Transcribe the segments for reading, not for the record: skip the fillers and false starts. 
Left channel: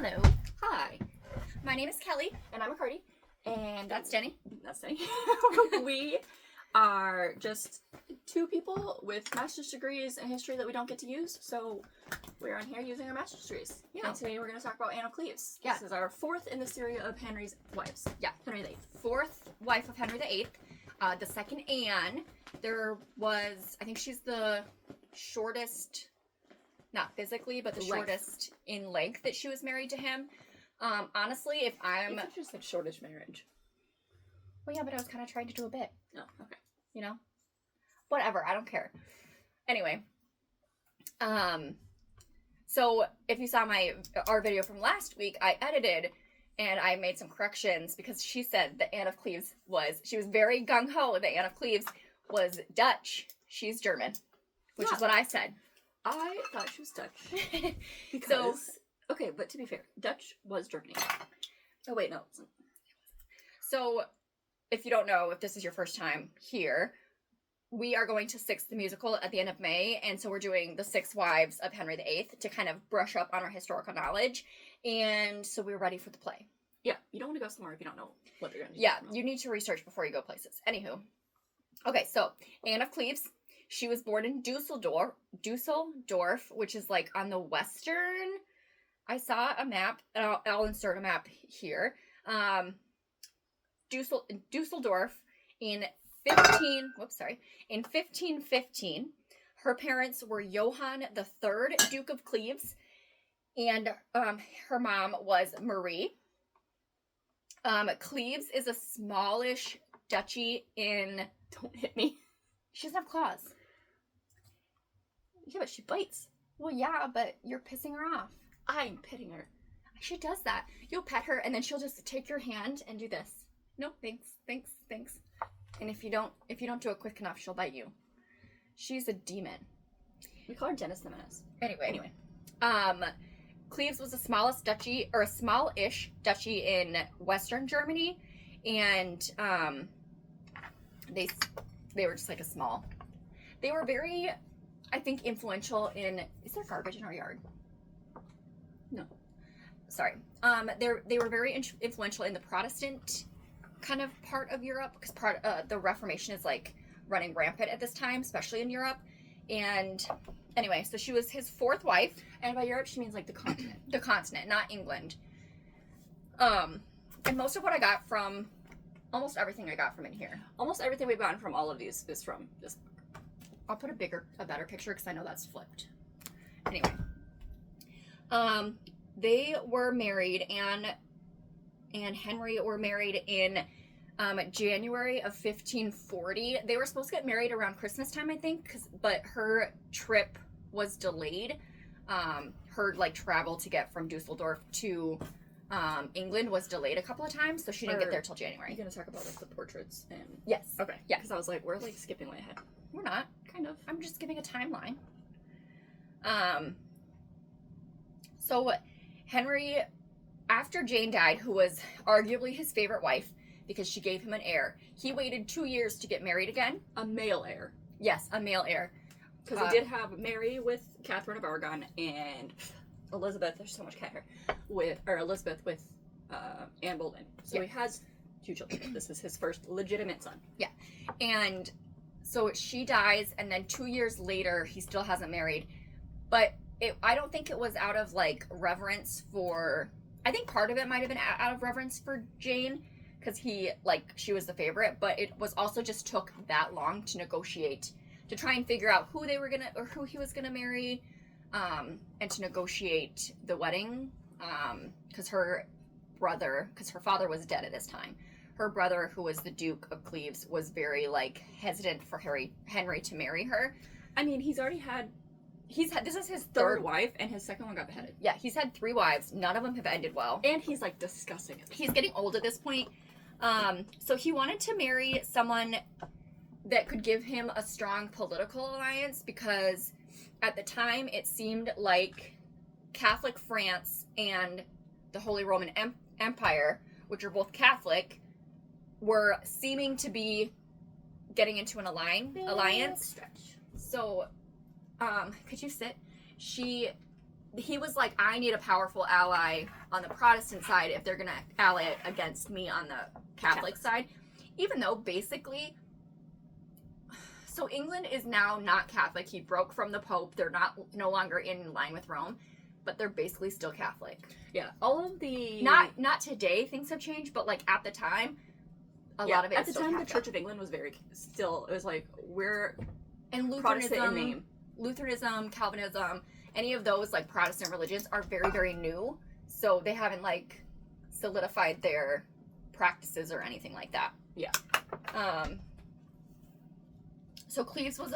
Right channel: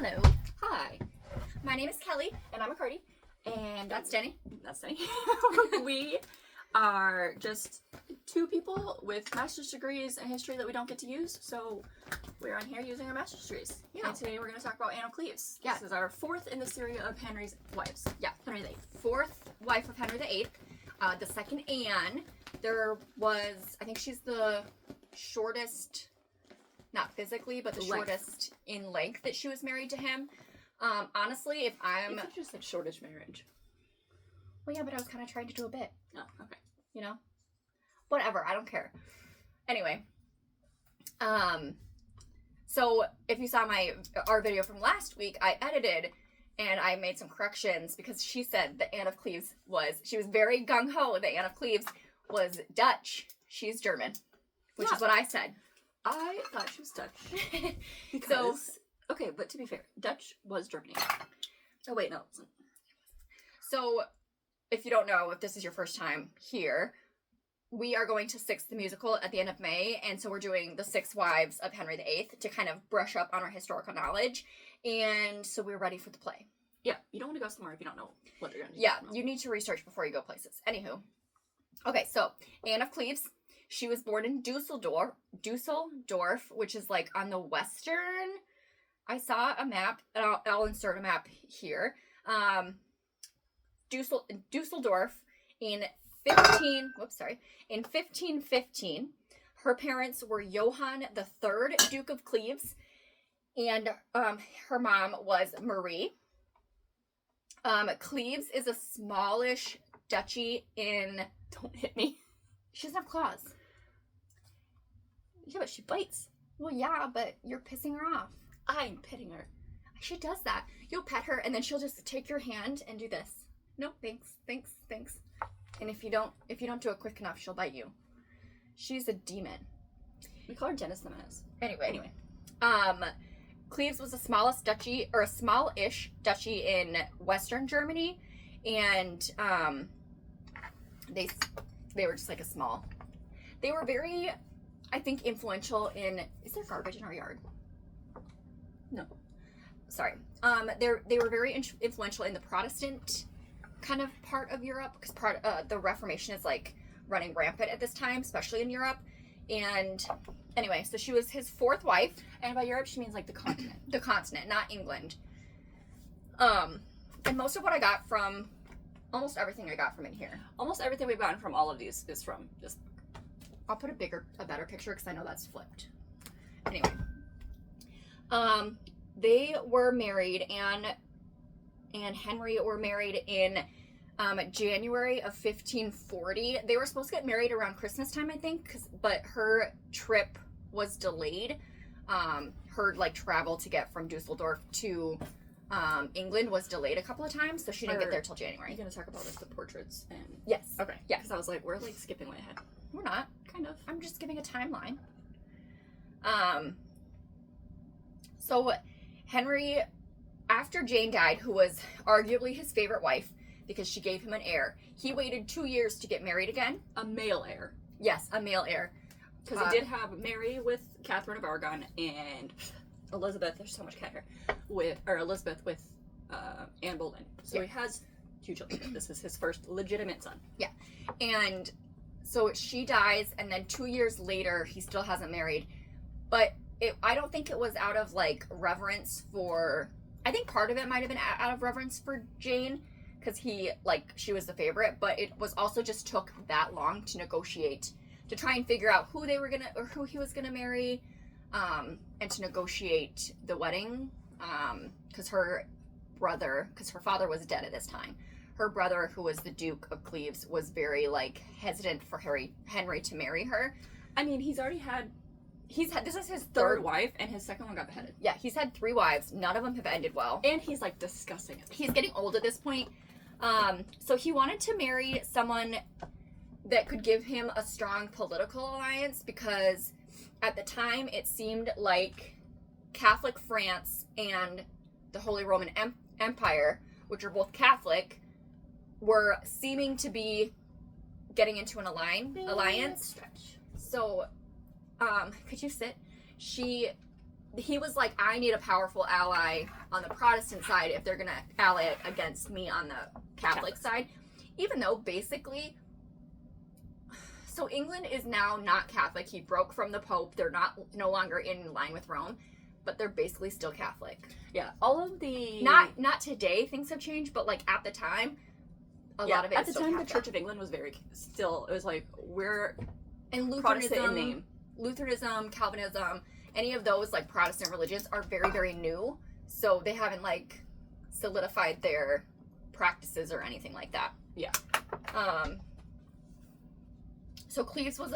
Hello. Hi, my name is Kelly, And I'm a Cardi. and that's Jenny. That's Jenny. We are just two people with master's degrees in history that we don't get to use, so we're on here using our master's degrees. Yeah. And today we're going to talk about Anne of Cleves. Yeah. This is our fourth in the series of Henry's wives. Yeah. Henry VIII. Fourth wife of Henry VIII. The second Anne. There was, I think she's the shortest, not physically, but the shortest in length that she was married to him. Honestly, if I'm... You could just like shortish marriage. Well, yeah, but I was kind of trying to do a bit. Oh, okay. You know? Whatever, I don't care. Anyway. So if you saw our video from last week, I edited and I made some corrections because she said that Anne of Cleves she was very gung-ho that Anne of Cleves was Dutch. She's German, which is what I said. I thought she was Dutch. Because, okay, but to be fair, Dutch was Germany. Oh, wait, no, it wasn't. So, if you don't know, if this is your first time here, we are going to Six the Musical at the end of May, and so we're doing the 6 Wives of Henry VIII to kind of brush up on our historical knowledge, and so we're ready for the play. Yeah, you don't want to go somewhere if you don't know what they're going to do. Yeah, you need to research before you go places. Anywho. Okay, so, Anne of Cleves, she was born in Dusseldorf, which is like on the western... I saw a map, and I'll insert a map here. Dusseldorf in 1515. Her parents were Johann III, Duke of Cleves, and her mom was Marie. Cleves is a smallish duchy in... Don't hit me. She doesn't have claws. Yeah, but she bites. Well, yeah, but you're pissing her off. I'm petting her. She does that. You'll pet her, and then she'll just take your hand and do this. No, thanks. And if you don't do it quick enough, she'll bite you. She's a demon. We call her Dennis the Menace. Anyway. Cleves was a smallish duchy in Western Germany, and they were just like a small. They were very, I think, influential in. Is there garbage in our yard? No. Sorry. They were very influential in the Protestant kind of part of Europe, because the Reformation is like running rampant at this time, especially in Europe. And anyway, so she was his fourth wife, and by Europe she means like the continent. The continent, not England. And most of what I got from, almost everything I got from in here. Almost everything we've gotten from all of these is from this book. I'll put a better picture because I know that's flipped. Anyway. They were married, Anne and Henry were married in January of 1540. They were supposed to get married around Christmas time, I think, but her trip was delayed. Her travel to get from Dusseldorf to England was delayed a couple of times, so she didn't get there till January. Are you going to talk about the portraits? Yes. Okay. Yeah. Because I was like, we're skipping way ahead. We're not. Kind of. I'm just giving a timeline. So Henry, after Jane died, who was arguably his favorite wife because she gave him an heir, he waited 2 years to get married again. A male heir. Yes, a male heir. Because he did have Mary with Catherine of Aragon and Elizabeth, there's so much cat hair, Elizabeth with Anne Boleyn. So he has 2 children. This is his first legitimate son. Yeah. And so she dies, and then 2 years later, he still hasn't married. But I don't think it was out of reverence for. I think part of it might have been out of reverence for Jane, because she was the favorite. But it was also just took that long to negotiate, to try and figure out who who he was gonna marry, and to negotiate the wedding. Because her father was dead at this time. Her brother, who was the Duke of Cleves, was very hesitant for Henry to marry her. I mean, this is his third wife, and his second one got beheaded. Yeah, he's had 3 wives. None of them have ended well. And he's discussing it. He's getting old at this point. So he wanted to marry someone that could give him a strong political alliance, because at the time it seemed like Catholic France and the Holy Roman Empire, which are both Catholic, were seeming to be getting into an alliance. Stretch. So, could you sit? he was like, I need a powerful ally on the Protestant side if they're going to ally against me on the Catholic side. Even though basically, so England is now not Catholic. He broke from the Pope. They're no longer in line with Rome, but they're basically still Catholic. Yeah, all of the not today things have changed, but like at the time, a lot of it. At the time, Catholic. the Church of England was very still. It was like we're and Protestant in name. Lutheranism, Calvinism, any of those like Protestant religions are very, very new, so they haven't like solidified their practices or anything like that. Yeah. So Cleves was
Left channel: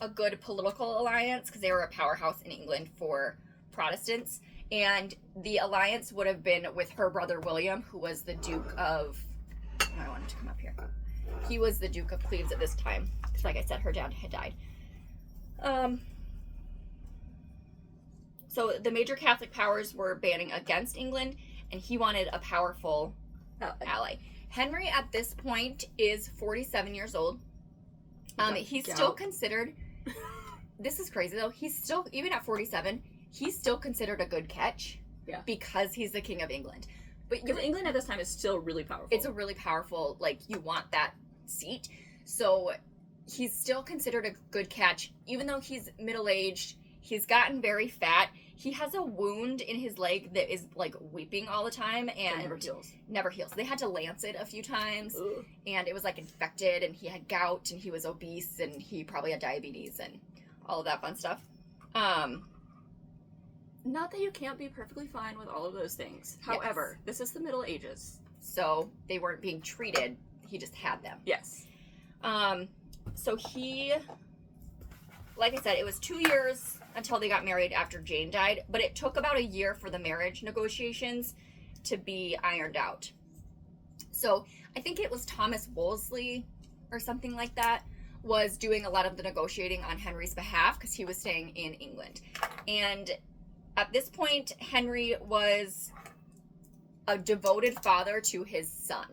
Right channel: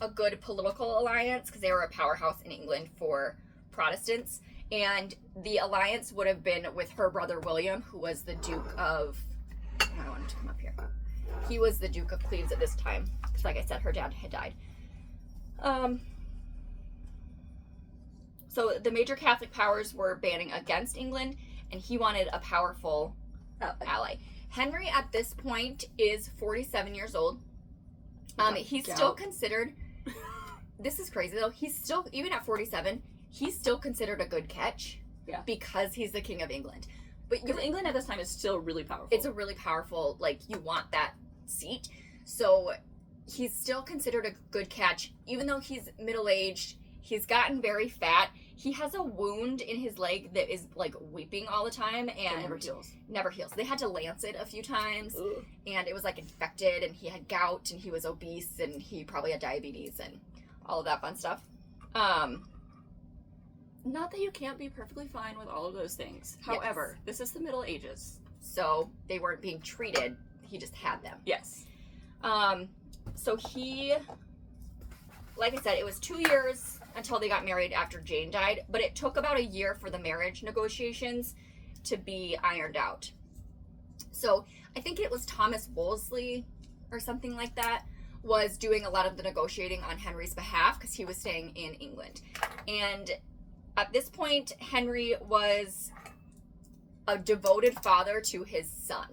a good political alliance because they were a powerhouse in England for Protestants, and the alliance would have been with her brother William, who was the Duke of. I wanted to come up here. He was the Duke of Cleves at this time because, like I said, her dad had died. So the major Catholic powers were banding against England, and he wanted a powerful ally. Henry, at this point, is 47 years old. He's still considered. This is crazy though. He's still, even at 47, he's still considered a good catch. Yeah. Because he's the King of England. Because England at this time is still really powerful. It's a really powerful, like, you want that seat. So he's still considered a good catch, even though he's middle-aged. He's gotten very fat. He has a wound in his leg that is, like, weeping all the time. And never heals. They had to lance it a few times. Ugh. And it was, like, infected. And he had gout. And he was obese. And he probably had diabetes. And all of that fun stuff. Not that you can't be perfectly fine with all of those things. However, this is the Middle Ages. So they weren't being treated. He just had them. Yes. So he, like I said, it was 2 years until they got married after Jane died, but it took about a year for the marriage negotiations to be ironed out. So I think it was Thomas Wolsey or something like that was doing a lot of the negotiating on Henry's behalf because he was staying in England. And at this point, Henry was a devoted father to his son.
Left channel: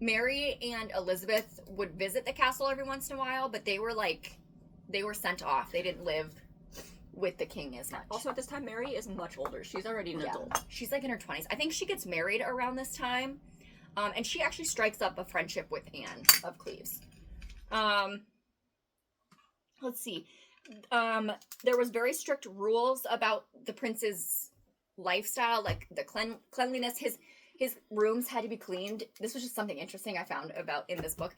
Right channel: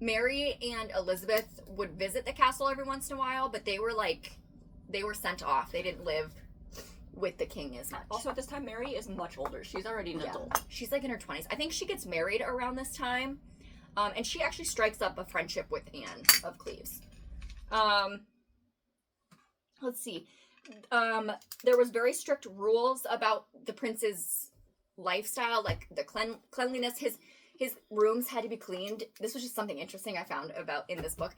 Mary and Elizabeth would visit the castle every once in a while, but they were sent off. They didn't live with the king as much. Also, at this time, Mary is much older. She's already an adult. She's like in her 20s. I think she gets married around this time. And she actually strikes up a friendship with Anne of Cleves. Let's see. There was very strict rules about the prince's lifestyle, like the cleanliness. His rooms had to be cleaned. This was just something interesting I found about in this book.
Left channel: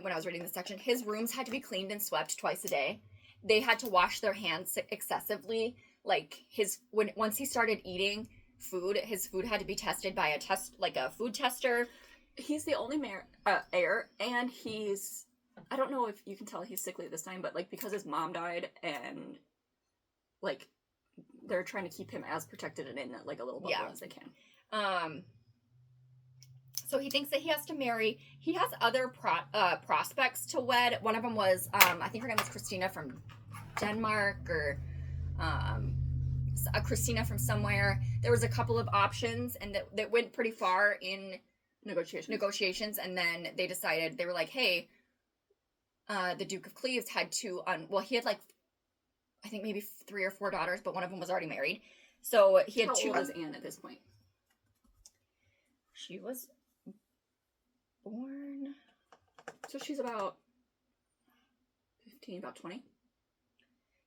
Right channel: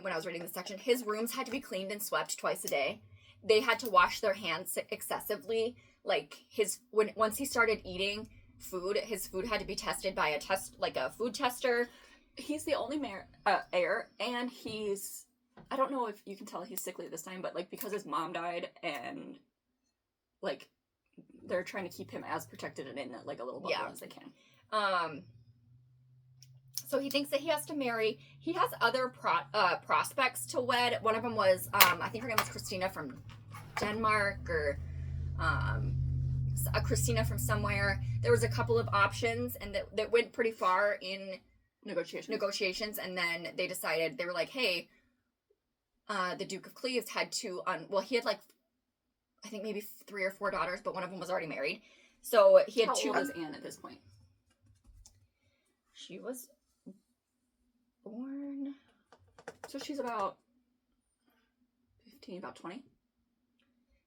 When I was reading this section, his rooms had to be cleaned and swept twice a day. They had to wash their hands excessively. Like once he started eating food, his food had to be tested by a food tester. He's the only heir, and I don't know if you can tell he's sickly at this time, but like because his mom died and like they're trying to keep him as protected and in like a little bubble as they can. So he thinks that he has to marry. He has other prospects to wed. One of them was, I think her name was Christina from Denmark or a Christina from somewhere. There was a couple of options, and that went pretty far in negotiations. And then they decided, they were like, hey, the Duke of Cleves had two, he had like, I think maybe 3 or 4 daughters, but one of them was already married. So he had two. How old is Anne at this point? She was born. So she's about 15, about 20.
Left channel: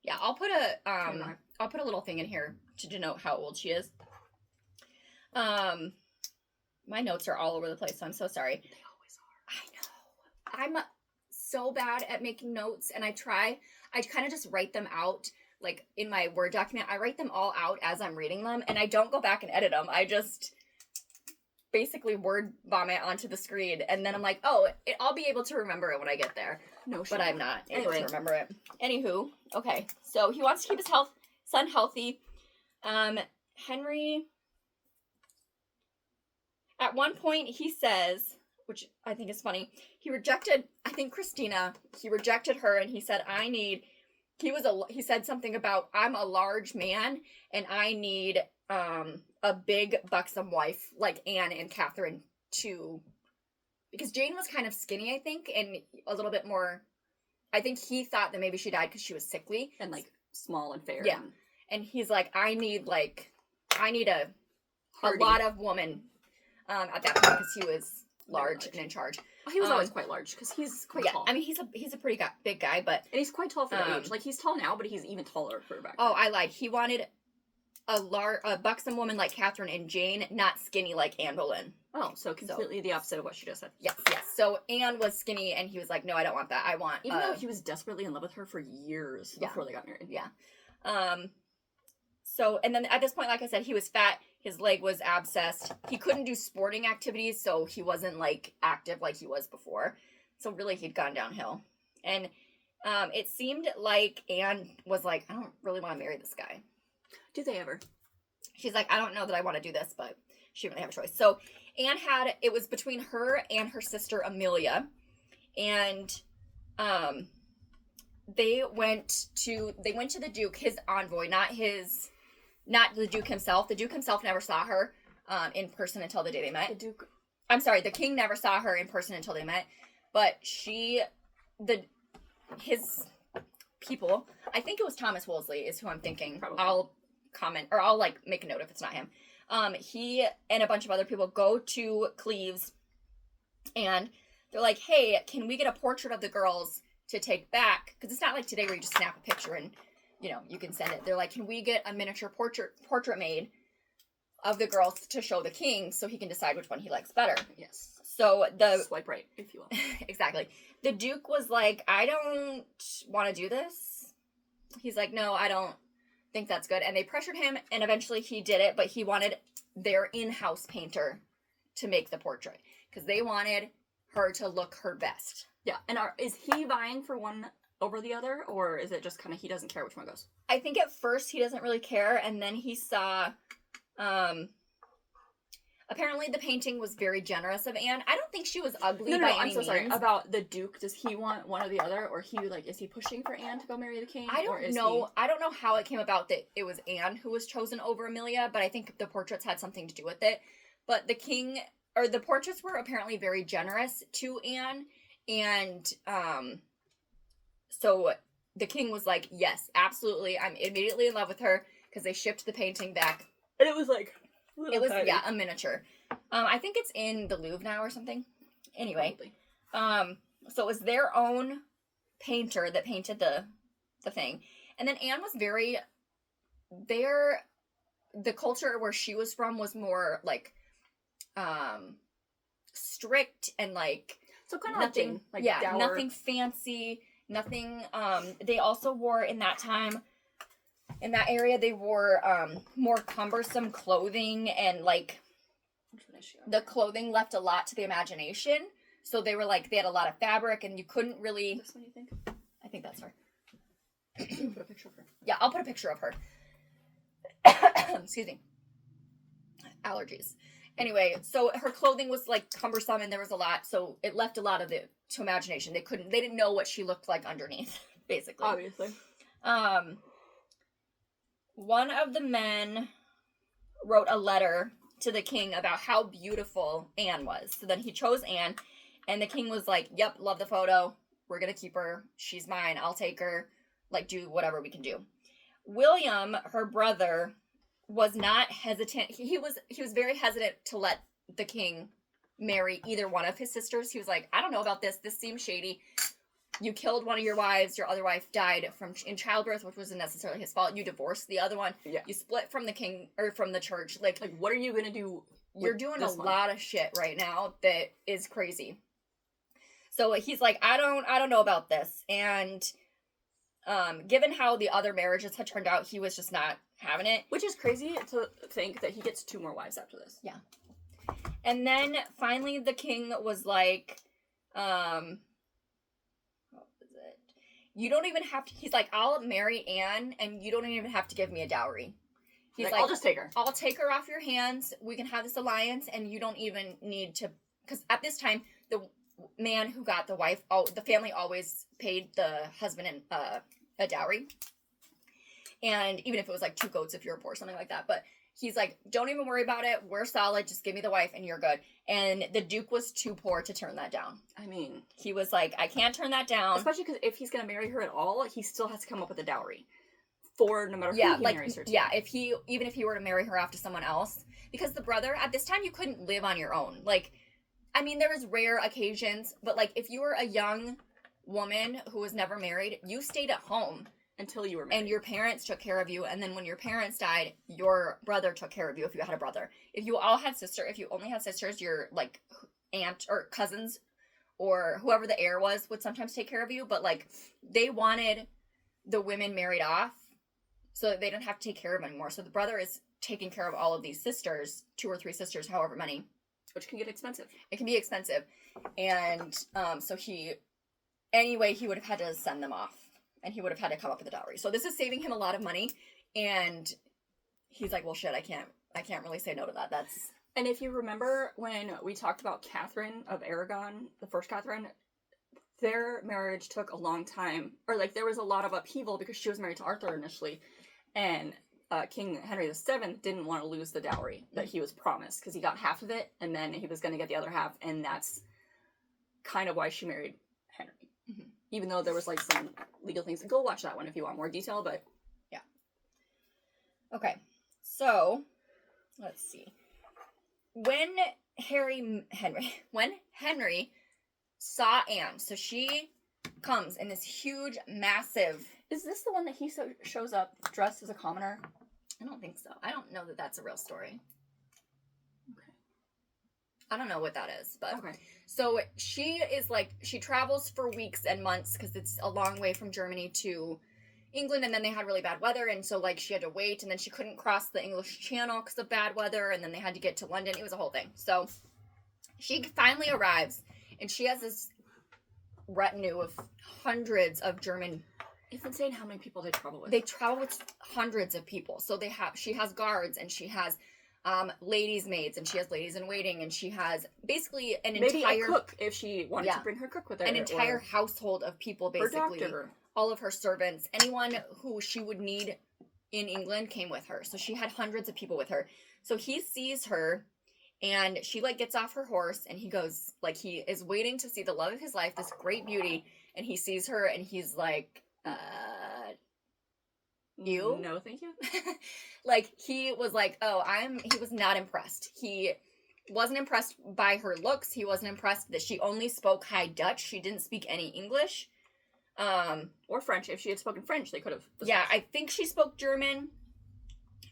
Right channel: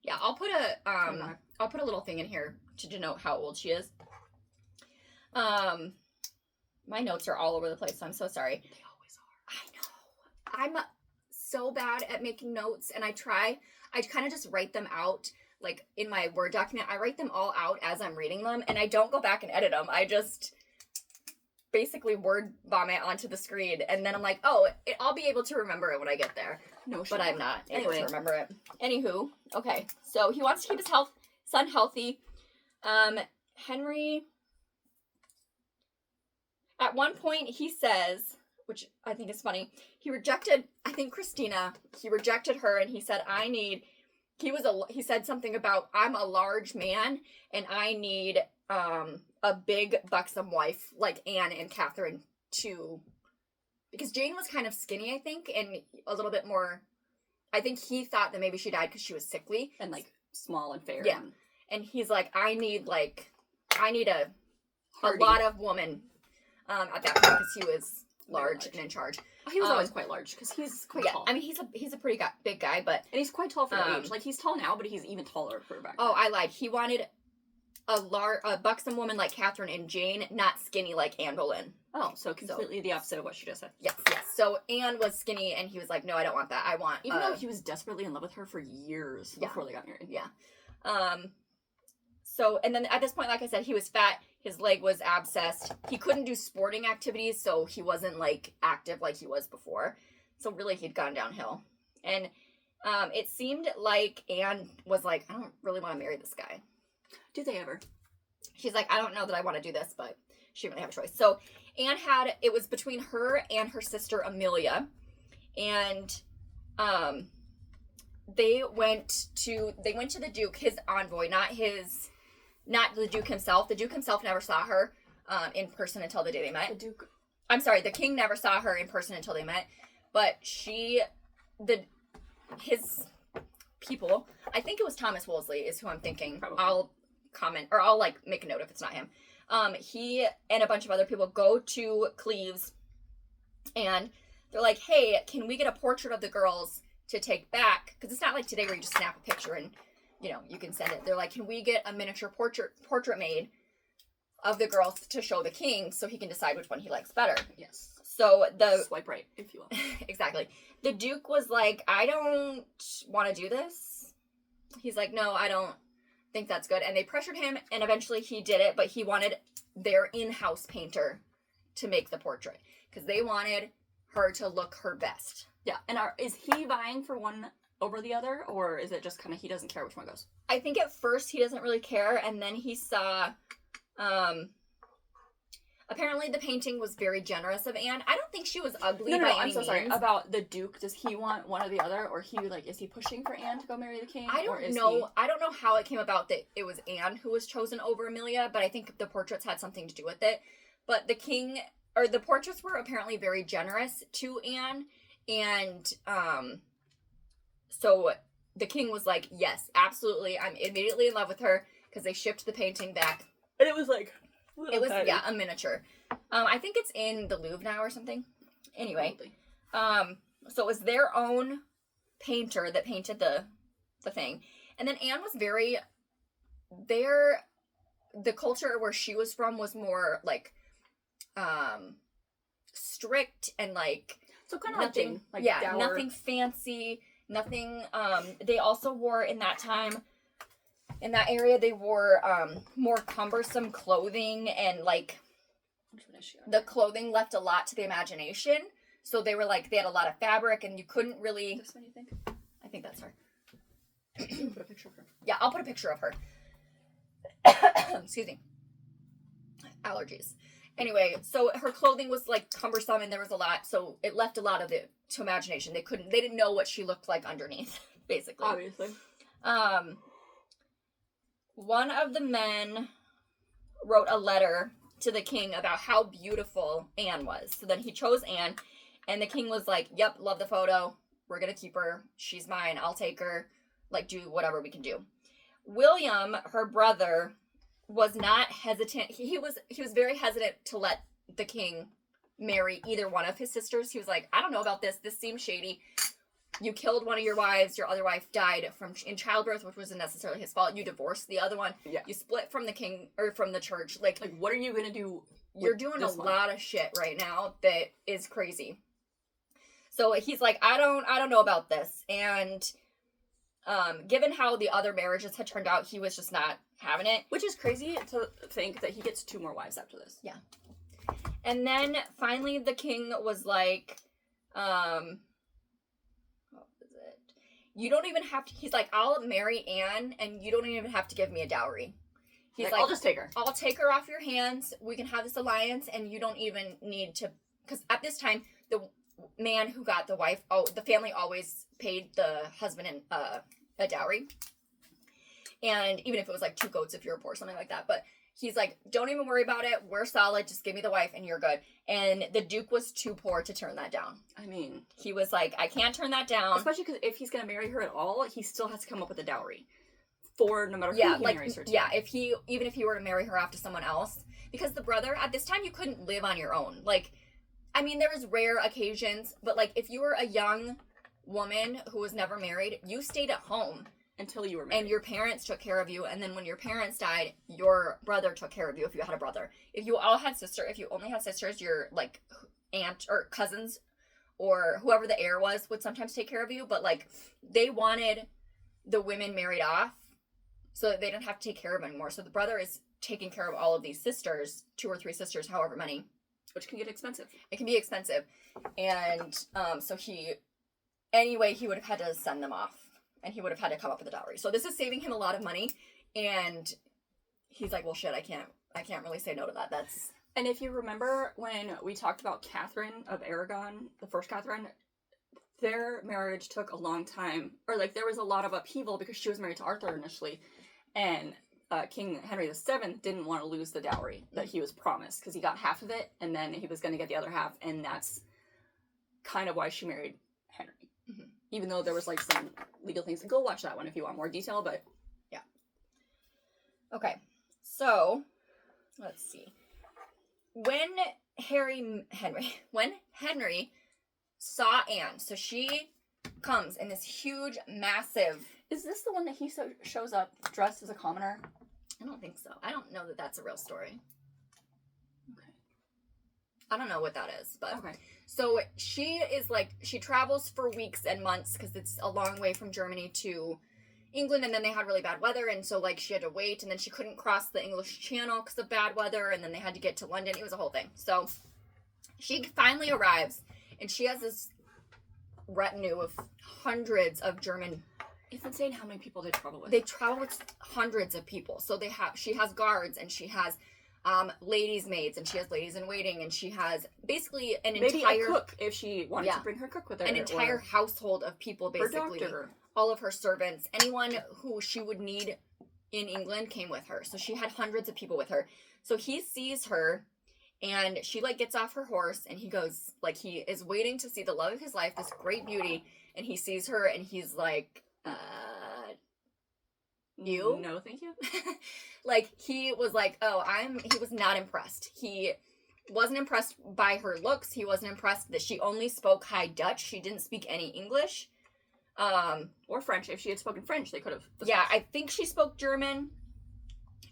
Yeah, I'll put a little thing in here to denote how old she is. My notes are all over the place, so I'm so sorry. They always are. I know. I'm so bad at making notes, and I kind of just write them out. Like in my Word document, I write them all out as I'm reading them, and I don't go back and edit them. I just basically word vomit onto the screen, and then I'm like, I'll be able to remember it when I get there. No, but I'm not able to remember it. Anywho, okay, so he wants to keep his son healthy. Henry, at one point, he says, which I think is funny, he rejected, I think Christina, he rejected her, and he said, he said something about, I'm a large man, and I need a big, buxom wife like Anne and Catherine because Jane was kind of skinny, I think, and a little bit more, I think he thought that maybe she died because she was sickly. And like small and fair. Yeah. and he's like, I need a Hardy. lot of woman at that point because he was large and in charge. Oh, he was always quite large because he's quite tall. I mean, he's a pretty big guy, but and he's quite tall for the age. Like he's tall now, but he's even taller for back then. Oh, he wanted a buxom woman like Catherine and Jane, not skinny like Anne Boleyn. Oh, so completely the opposite of what she just said. Yes. So Anne was skinny, and he was like, no, I don't want that. I want... Even though he was desperately in love with her for years before they got married. Yeah. So, and then at this point, like I said, he was fat. His leg was abscessed. He couldn't do sporting activities, so he wasn't, like, active like he was before. So really, he'd gone downhill. And it seemed like Anne was like, I don't really want to marry this guy. Do they ever? She's like, I don't know that I want to do this, but she didn't really have a choice. So Anne it was between her and her sister Amelia, and they went to the Duke, his envoy, not the Duke himself. The Duke himself never saw her in person until the day they met. The King never saw her in person until they met, but his people, I think it was Thomas Wolsey is who I'm thinking. Probably. I'll comment, or I'll like make a note if it's not him. He and a bunch of other people go to Cleves, and they're like, hey, can we get a portrait of the girls to take back? Because it's not like today where you just snap a picture and, you know, you can send it. They're like, can we get a miniature portrait made of the girls to show the king so he can decide which one he likes better? Yes. So swipe right, if you will. Exactly. The Duke was like, I don't want to do this. He's like, no, I don't think that's good. And they pressured him, and eventually he did it, but he wanted their in-house painter to make the portrait because they wanted her to look her best. Yeah. And is he vying for one over the other, or is it just kind of he doesn't care which one goes? I think at first he doesn't really care, and then he saw apparently the painting was very generous of Anne. I don't think she was ugly. No, I'm so sorry. About the Duke, does he want one or the other, or is he pushing for Anne to go marry the king? I don't know. I don't know how it came about that it was Anne who was chosen over Amelia, but I think the portraits had something to do with it. But the portraits were apparently very generous to Anne, and so the king was like, yes, absolutely, I'm immediately in love with her, because they shipped the painting back. And it was like... a miniature. I think it's in the Louvre now or something. Anyway, so it was their own painter that painted the thing. And then Anne was the culture where she was from was more like strict and like, so kind of nothing, like dour. Nothing fancy, nothing. They also wore in that time, in that area, they wore more cumbersome clothing, and like the clothing left a lot to the imagination. So they had a lot of fabric, and you couldn't really. This one, you think? I think that's her. You put a picture of her. Yeah, I'll put a picture of her. Excuse me. Allergies. Anyway, so her clothing was like cumbersome, and there was a lot, so it left a lot of it to imagination. They didn't know what she looked like underneath, basically. Obviously. One of the men wrote a letter to the king about how beautiful Anne was. So then he chose Anne, and the king was like, yep, love the photo. We're going to keep her. She's mine. I'll take her. Like, do whatever we can do. William, her brother, was not hesitant. He was very hesitant to let the king marry either one of his sisters. He was like, I don't know about this. This seems shady. You killed one of your wives. Your other wife died in childbirth, which wasn't necessarily his fault. You divorced the other one. Yeah. You split from the king or from the church. Like what are you gonna do? You're doing a lot of shit right now that is crazy. So he's like, I don't know about this. And given how the other marriages had turned out, he was just not having it. Which is crazy to think that he gets 2 more wives after this. Yeah. And then finally the king was like, you don't even have to, he's like, I'll marry Anne, and you don't even have to give me a dowry. He's like, I'll just take her. I'll take her off your hands. We can have this alliance, and you don't even need to, because at this time, the man who got the wife, the family always paid the husband a dowry. And even if it was like 2 goats if you're poor, something like that. But he's like, don't even worry about it. We're solid. Just give me the wife and you're good. And the Duke was too poor to turn that down. I mean, he was like, I can't turn that down. Especially because if he's going to marry her at all, he still has to come up with a dowry for no matter who he marries her to. Yeah, even if he were to marry her off to someone else, because the brother at this time you couldn't live on your own. Like, I mean, there was rare occasions, but like if you were a young woman who was never married, you stayed at home until you were married, and your parents took care of you. And then when your parents died, your brother took care of you if you had a brother. If you only had sisters, your like aunt or cousins or whoever the heir was would sometimes take care of you. But like they wanted the women married off so that they didn't have to take care of them anymore. So the brother is taking care of all of these sisters, 2 or 3 sisters, however many. Which can get expensive. It can be expensive. And so he would have had to send them off. And he would have had to come up with a dowry. So this is saving him a lot of money. And he's like, well, shit, I can't really say no to that. And if you remember when we talked about Catherine of Aragon, the first Catherine, their marriage took a long time. Or, like, there was a lot of upheaval because she was married to Arthur initially. And King Henry VII didn't want to lose the dowry that he was promised because he got half of it. And then he was going to get the other half. And that's kind of why she married Henry. Mm-hmm. Even though there was, like, some legal things. Go watch that one if you want more detail, but... Yeah. Okay. So, let's see. When Henry saw Anne, so she comes in this huge, massive... Is this the one that he shows up dressed as a commoner? I don't think so. I don't know that that's a real story. Okay. I don't know what that is, but... Okay. So she is like, she travels for weeks and months because it's a long way from Germany to England, and then they had really bad weather, and so like she had to wait, and then she couldn't cross the English Channel because of bad weather, and then they had to get to London. It was a whole thing. So she finally arrives, and she has this retinue of hundreds of German. It's insane how many people they travel with. They travel with hundreds of people. So she has guards, and she has ladies' maids, and she has ladies in waiting, and she has basically maybe a cook if she wanted to bring her cook with her. An entire household of people, basically. Her doctor. All of her servants, anyone who she would need in England came with her. So she had hundreds of people with her. So he sees her, and she like gets off her horse, and he goes, like, he is waiting to see the love of his life, this great beauty, and he sees her, and he's like, you? No, thank you. Like, he was like, he was not impressed. He wasn't impressed by her looks. He wasn't impressed that she only spoke High Dutch. She didn't speak any English. Or French. If she had spoken French, they could have. Yeah, I think she spoke German.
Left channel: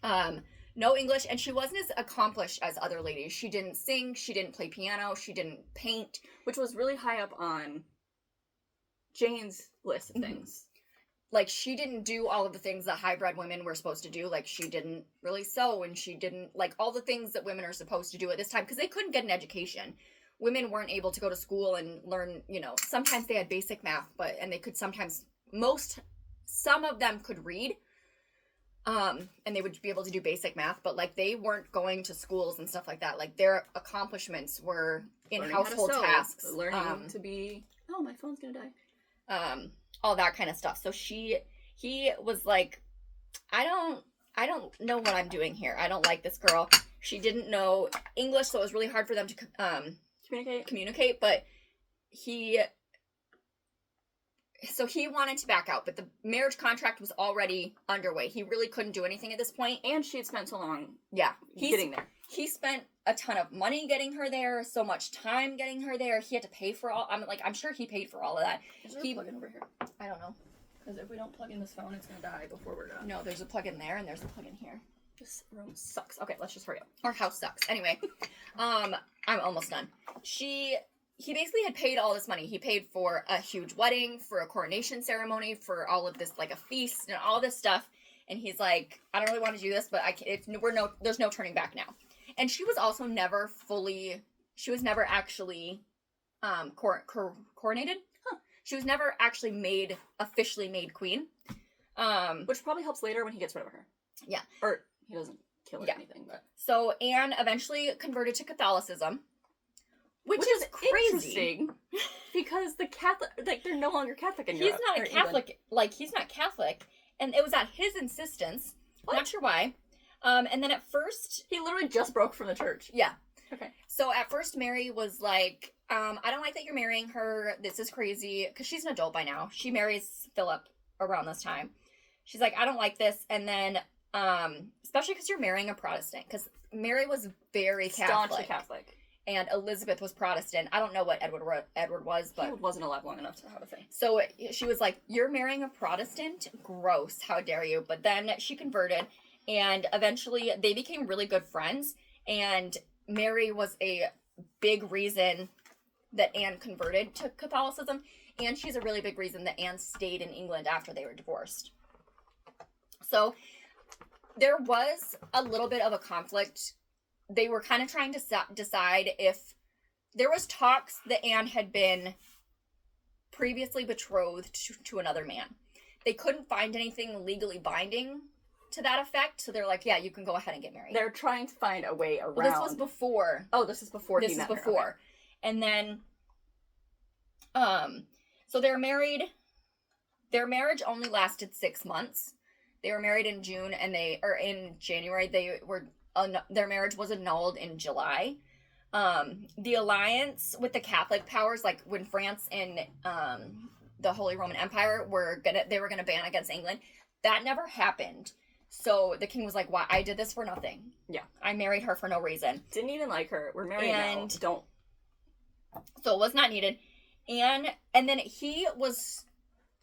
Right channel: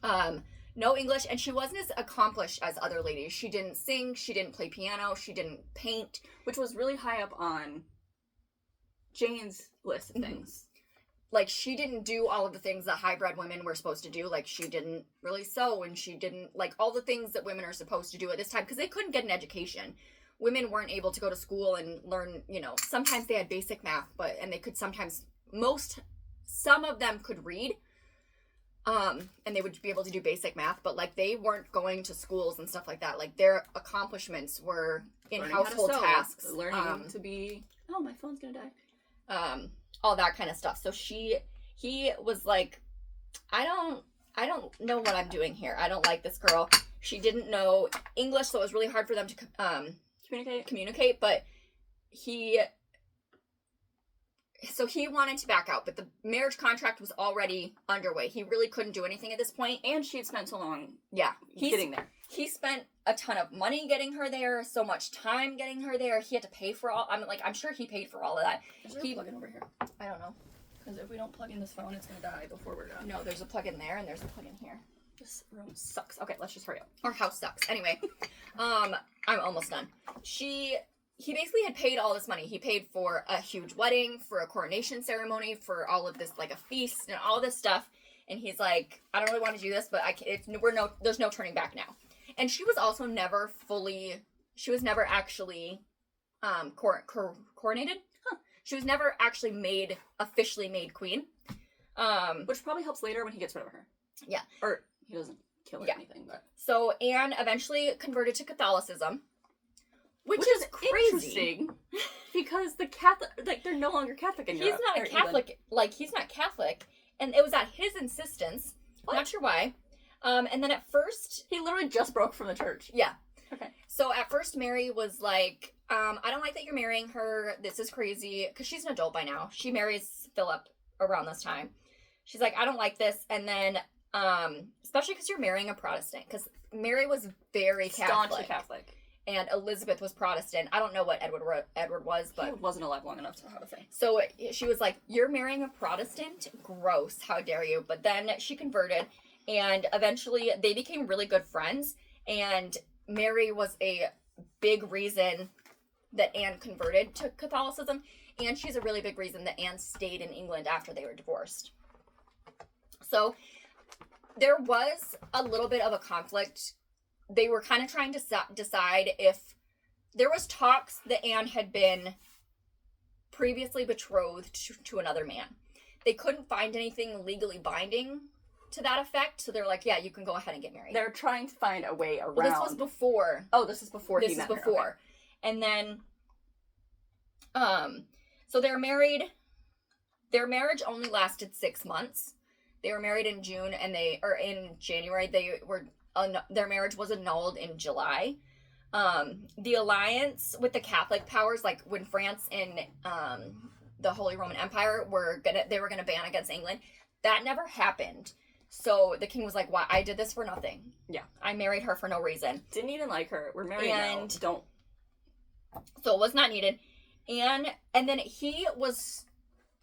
No English, and she wasn't as accomplished as other ladies. She didn't sing, she didn't play piano, she didn't paint. Which was really high up on Jane's list of things. Like, she didn't do all of the things that high-bred women were supposed to do. Like, she didn't really sew, and she didn't, like, all the things that women are supposed to do at this time, because they couldn't get an education. Women weren't able to go to school and learn, sometimes they had basic math, and they could sometimes, some of them could read, and they would be able to do basic math, but, like, they weren't going to schools and stuff like that. Like, their accomplishments were in learning household tasks. Learning to be, oh, my phone's gonna die. All that kind of stuff. So he was like, I don't know what I'm doing here. I don't like this girl. She didn't know English, so it was really hard for them to communicate, but he wanted to back out, but the marriage contract was already underway. He really couldn't do anything at this point. And she had spent so long getting there. He spent a ton of money getting her there, so much time getting her there. He had to pay for all, I'm sure he paid for all of that. Is there a plug-in over here? I don't know. Because if we don't plug in this phone, it's going to die before we're done. No, there's a plug-in there, and there's a plug-in here. This room sucks. Okay, let's just hurry up. Our house sucks. Anyway, I'm almost done. He basically had paid all this money. He paid for a huge wedding, for a coronation ceremony, for all of this, like a feast and all this stuff. And he's like, I don't really want to do this, but there's no turning back now. And she was also never actually coronated. Huh. She was never actually officially made queen. Which probably helps later when he gets rid of her. Yeah. Or he doesn't kill her or anything, but. So Anne eventually converted to Catholicism. Which is crazy. Interesting. Because the Catholic, like, they're no longer Catholic in Europe. He's not a Catholic. England. Like, he's not Catholic. And it was at his insistence. What? Not sure why. And then at first... He literally just broke from the church. Yeah. Okay. So at first Mary was like, I don't like that you're marrying her. This is crazy. Because she's an adult by now. She marries Philip around this time. she's like, I don't like this. And then, especially because you're marrying a Protestant, because Mary was very Staunchly Catholic. and Elizabeth was Protestant. I don't know what Edward was, but he wasn't alive long enough to know how to say. So she was like, you're marrying a Protestant? Gross. How dare you? But then she converted, and eventually they became really good friends, and Mary was a big reason that Anne converted to Catholicism, and she's a really big reason that Anne stayed in England after they were divorced. So there was a little bit of a conflict. They were kind of trying to decide if there was talks that Anne had been previously betrothed to another man. They couldn't find anything legally binding to that effect, so they're like, yeah, you can go ahead and get married. They're trying to find a way around. Well, this was before. Oh, this is before he This is met her. before. Okay. And then, so they're married. Their marriage only lasted 6 months. They were married in June, and in January. Their marriage was annulled in July. The alliance with the Catholic powers, like when France and the Holy Roman Empire were gonna ban against England, that never happened. So the king was like, "Why? I did this for nothing. Yeah, I married her for no reason. Didn't even like her. We're married now. Don't." So it was not needed, and then he was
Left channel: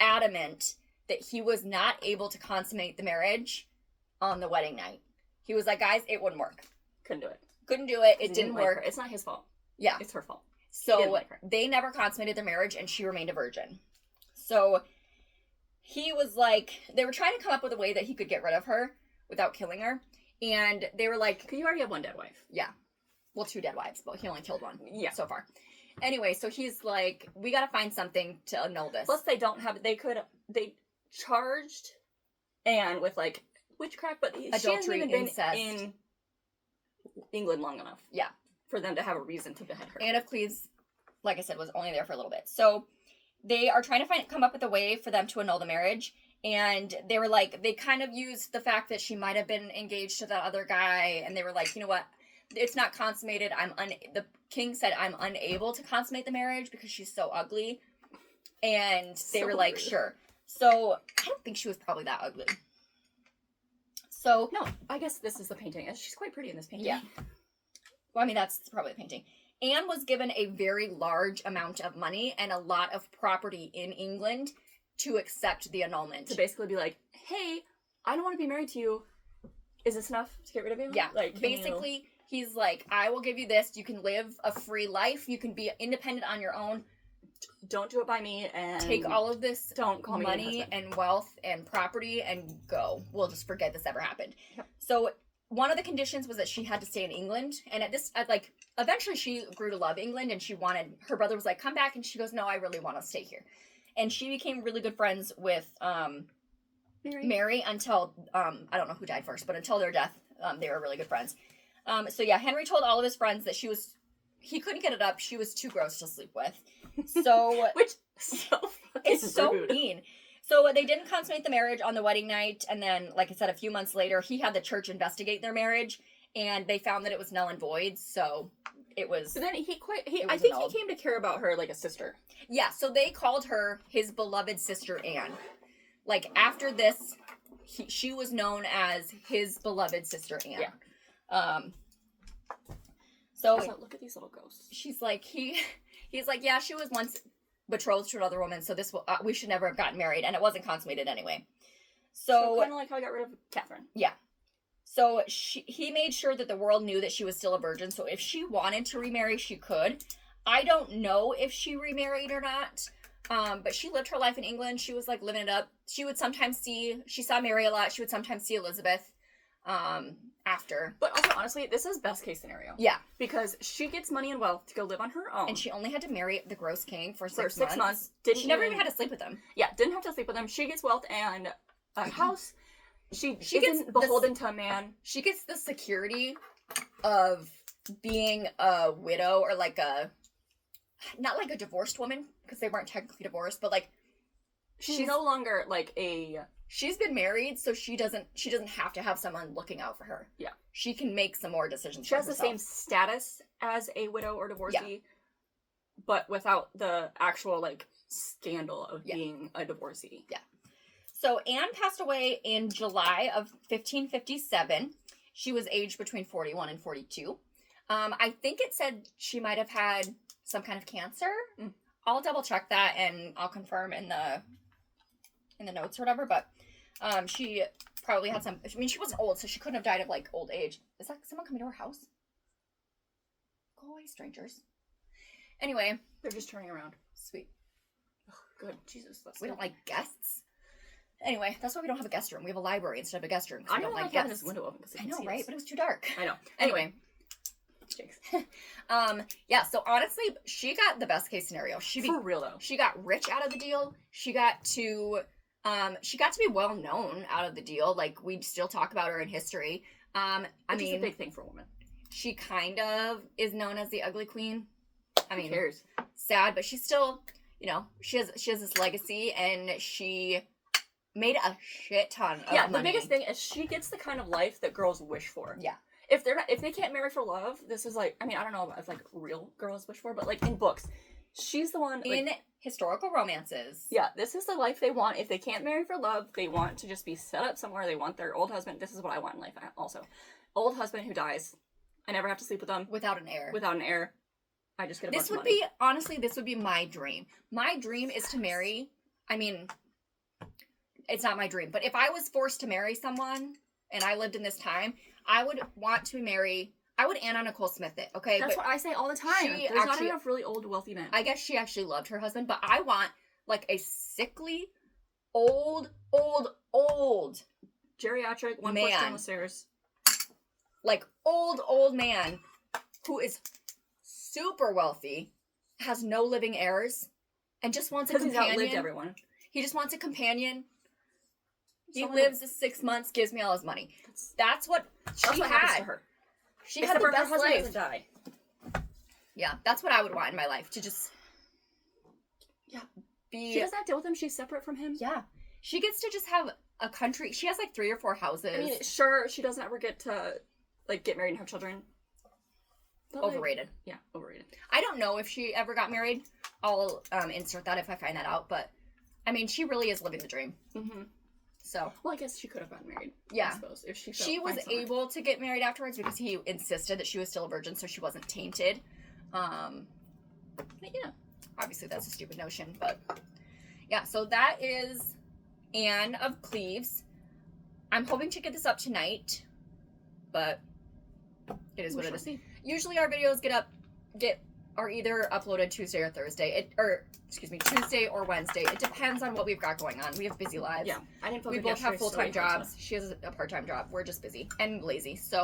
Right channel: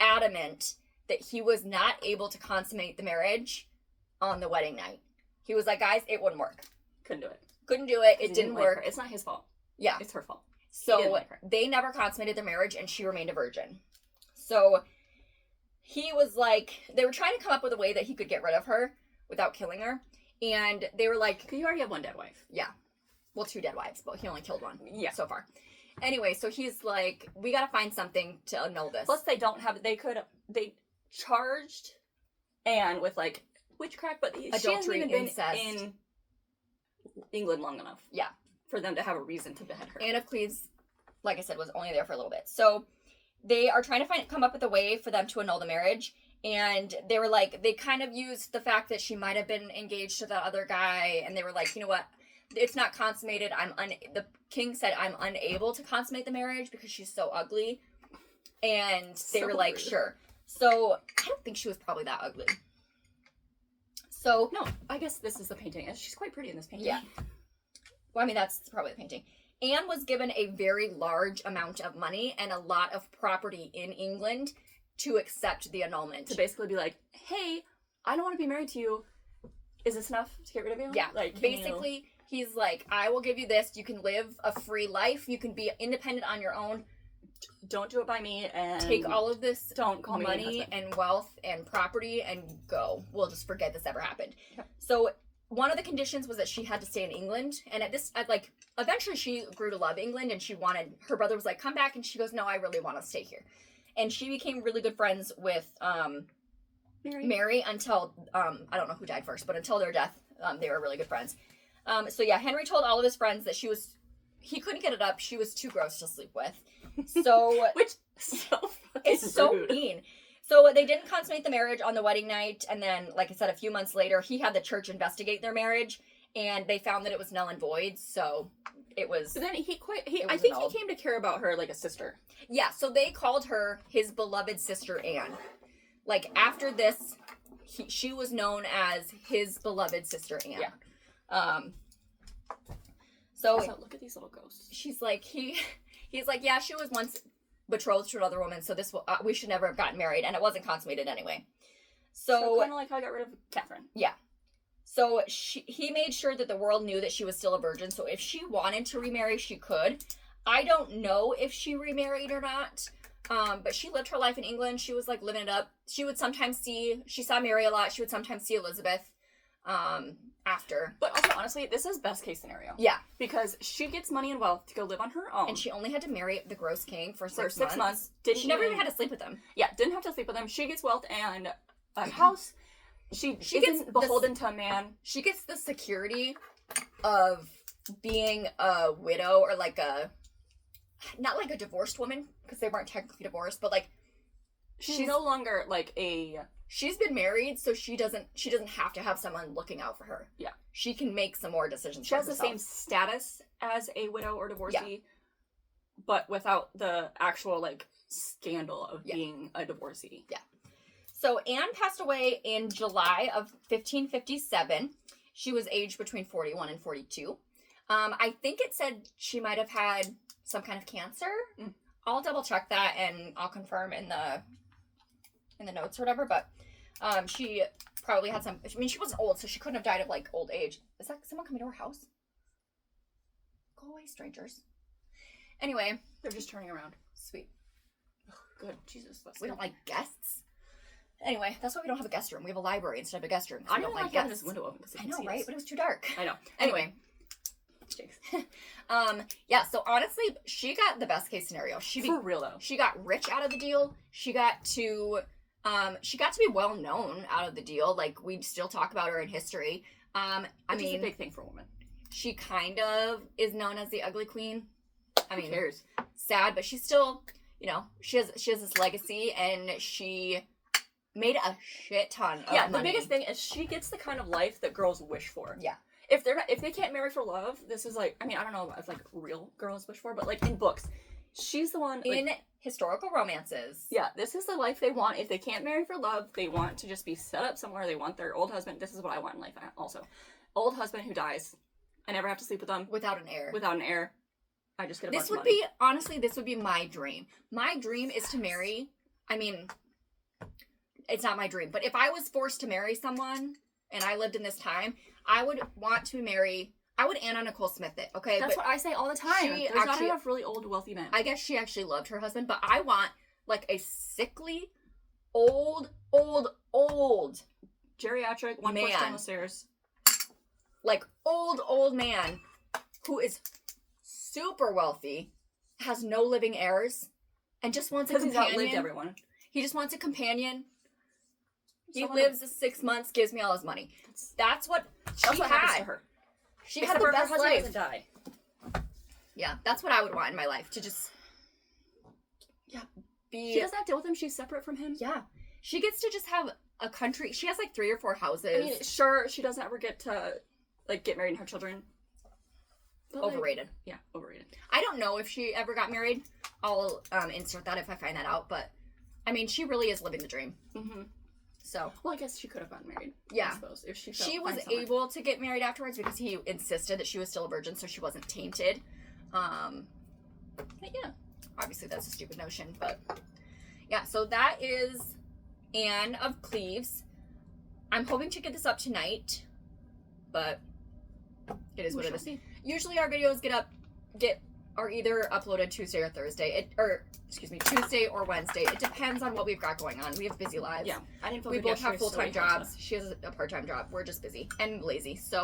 adamant that he was not able to consummate the marriage on the wedding night. He was like, "Guys, it wouldn't work. Couldn't do it. Couldn't do it. It didn't like work. Her. It's not his fault. Yeah, it's her fault. So like her. They never consummated their marriage, and she remained a virgin. So he was like, they were trying to come up with a way that he could get rid of her without killing her, and they were like, "Cause you already have one dead wife." Yeah, well, 2 dead wives, but he only killed 1. Yeah, so far. Anyway, so he's like, we gotta find something to annul this. Plus, they don't have. They charged Anne with like witchcraft, but she hasn't even been in England long enough. Yeah, for them to have a reason to behead her. Anne of Cleves, like I said, was only there for a little bit. So they are trying to come up with a way for them to annul the marriage. And they were like, they kind of used the fact that she might have been engaged to that other guy. And they were like, you know what? It's not consummated. The king said, I'm unable to consummate the marriage because she's so ugly. And they were like, rude. Sure. So I don't think she was probably that ugly. So no, I guess this is the painting. She's quite pretty in this painting. Yeah. Well, I mean, that's probably the painting. Anne was given a very large amount of money and a lot of property in England to accept the annulment. To basically be like, hey, I don't want to be married to you. Is this enough to get rid of you? Yeah. Like, basically, he's like, I will give you this. You can live a free life. You can be independent on your own. Don't do it by me, and take all of this don't call me money and wealth and property and go. We'll just forget this ever happened. Yep. So one of the conditions was that she had to stay in England, and eventually she grew to love England, and her brother was like, come back, and she goes, no, I really want to stay here. And she became really good friends with Mary until I don't know who died first, but until their death, they were really good friends. So yeah, Henry told all of his friends that he couldn't get it up. She was too gross to sleep with. So which it's so mean. So they didn't consummate the marriage on the wedding night, and then, like I said, a few months later, he had the church investigate their marriage, and they found that it was null and void. So it was. But then I think he came to care about her like a sister. Yeah. So they called her his beloved sister Anne. Like after this, she was known as his beloved sister Anne. Yeah. So look at these little ghosts. She's like He's like, yeah, she was once betrothed to another woman, so we should never have gotten married, and it wasn't consummated anyway. So kind of like how I got rid of Catherine. Yeah. So he made sure that the world knew that she was still a virgin, so if she wanted to remarry, she could. I don't know if she remarried or not, but she lived her life in England. She was like living it up. She saw Mary a lot. She would sometimes see Elizabeth after. But also, honestly, this is best case scenario. Yeah. Because she gets money and wealth to go live on her own. And she only had to marry the gross king for 6 months. She never even had to sleep with him. Yeah, didn't have to sleep with him. She gets wealth and a house. She isn't beholden to a man. She gets the security of being a widow or not like a divorced woman, because they weren't technically divorced, but like she's no longer like she's been married, so she doesn't have to have someone looking out for her. Yeah. She can make some more decisions. She has the same status as a widow or divorcee, but without the actual like scandal of being a divorcee. Yeah. So Anne passed away in July of 1557. She was aged between 41 and 42. I think it said she might have had some kind of cancer. I'll double check that and I'll confirm in the notes or whatever. But she probably had some. I mean, she wasn't old, so she couldn't have died of like old age. Is that someone coming to our house? Go away, strangers. Anyway, They're just turning around. sweet. Oh, good. Jesus. We don't like guests. Anyway, that's why we don't have a guest room. We have a library instead of a guest room. I don't like having this window open because I know, right? But it was too dark. I know. Anyway. Jinx. Yeah, so honestly, she got the best case scenario. For real though. She got rich out of the deal. She got to be well known out of the deal. Like, we still talk about her in history. Which is a big thing for a woman. She kind of is known as the ugly queen. I mean, who cares? Sad, but she's still, you know, she has this legacy, and she made a shit ton of money. The biggest thing is she gets the kind of life that girls wish for. Yeah. If they can't marry for love, this is like, I mean, I don't know if like real girls wish for, but like in books, she's the one like, in historical romances. Yeah, this is the life they want. If they can't marry for love, they want to just be set up somewhere. They want their old husband. This is what I want in life also. Old husband who dies. I never have to sleep with them. Without an heir. Without an heir. I just get a bunch of money. This would be my dream. My dream is to marry, I mean, it's not my dream, but if I was forced to marry someone and I lived in this time, I would want to marry, I would Anna Nicole Smith it, okay? That's what I say all the time. There's not enough really old, wealthy men. I guess she actually loved her husband, but I want, like, a sickly, old geriatric, one push down the stairs. Like, old man who is super wealthy, has no living heirs, and just wants a companion. Because he's outlived everyone. He just wants a companion. He Someone lives 6 months, gives me all his money. That's what happens to her. She had the best her husband life. doesn't die. Yeah, that's what I would want in my life. To just She doesn't have to deal with him. She's separate from him. Yeah. She gets to just have a country. She has like 3 or 4 houses. I mean, sure, she doesn't ever get to like get married and have children. But, overrated. Yeah, overrated. I don't know if she ever got married. I'll insert that if I find that out. But I mean, she really is living the dream. Mm-hmm. So, well, I guess she could have gotten married. Yeah, I suppose if she was able to get married afterwards because he insisted that she was still a virgin, so she wasn't tainted. But yeah, obviously that's a stupid notion, but yeah. So that is Anne of Cleves. I'm hoping to get this up tonight, but it is what it is. Usually our videos are either uploaded Tuesday or Thursday. Tuesday or Wednesday. It depends on what we've got going on. We have busy lives. Yeah, I didn't feel we good both have yesterday, full-time so jobs. She has a part-time job. We're just busy and lazy. So,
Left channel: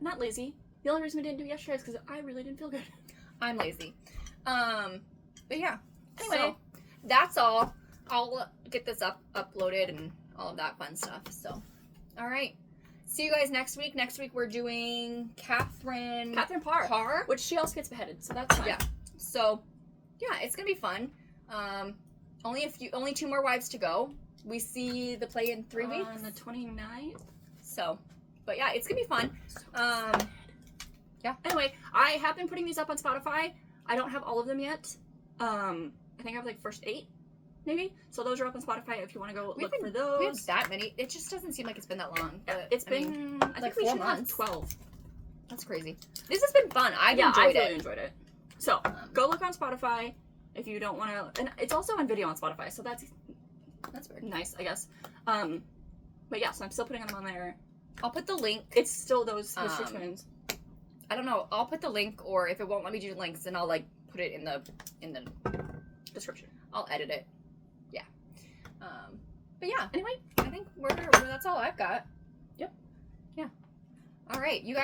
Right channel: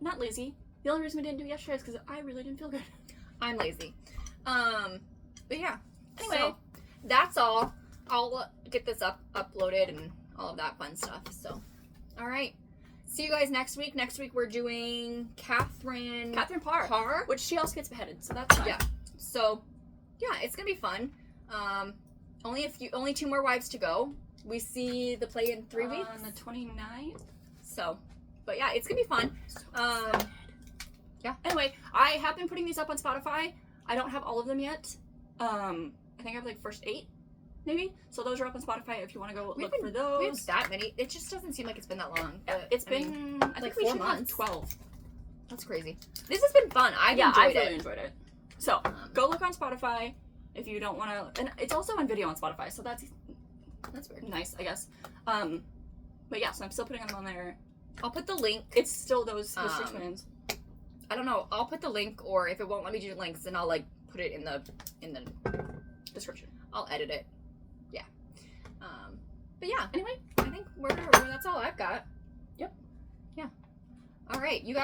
not lazy. The only reason we didn't do it yesterday is because I really didn't feel good. I'm lazy. But yeah. Anyway, so, that's all. I'll get this uploaded and all of that fun stuff. So, all right. See you guys next week. Next week we're doing Catherine Parr, which she also gets beheaded, so that's fine. Yeah. So, yeah, it's gonna be fun. Only 2 more wives to go. We see the play in 3 weeks on the 29th. So, but yeah, it's gonna be fun. Yeah. Anyway, I have been putting these up on Spotify. I don't have all of them yet. I think I have like first 8, maybe. So those are up on Spotify if you want to go look for those. We have that many. It just doesn't seem like it's been that long. But, it's been I think we should have 12. That's crazy. This has been fun. I really enjoyed it. So go look on Spotify if you don't want to, and it's also on video on Spotify, so that's weird. Nice, I guess. But yeah, so I'm still putting them on there. I'll put the link. It's still those History Twins. I don't know. I'll put the link, or if it won't let me do links, then I'll like put it in the description. I'll edit it. Yeah. But yeah. Anyway, I think that's all I've got. Yep. Yeah. All right, you guys.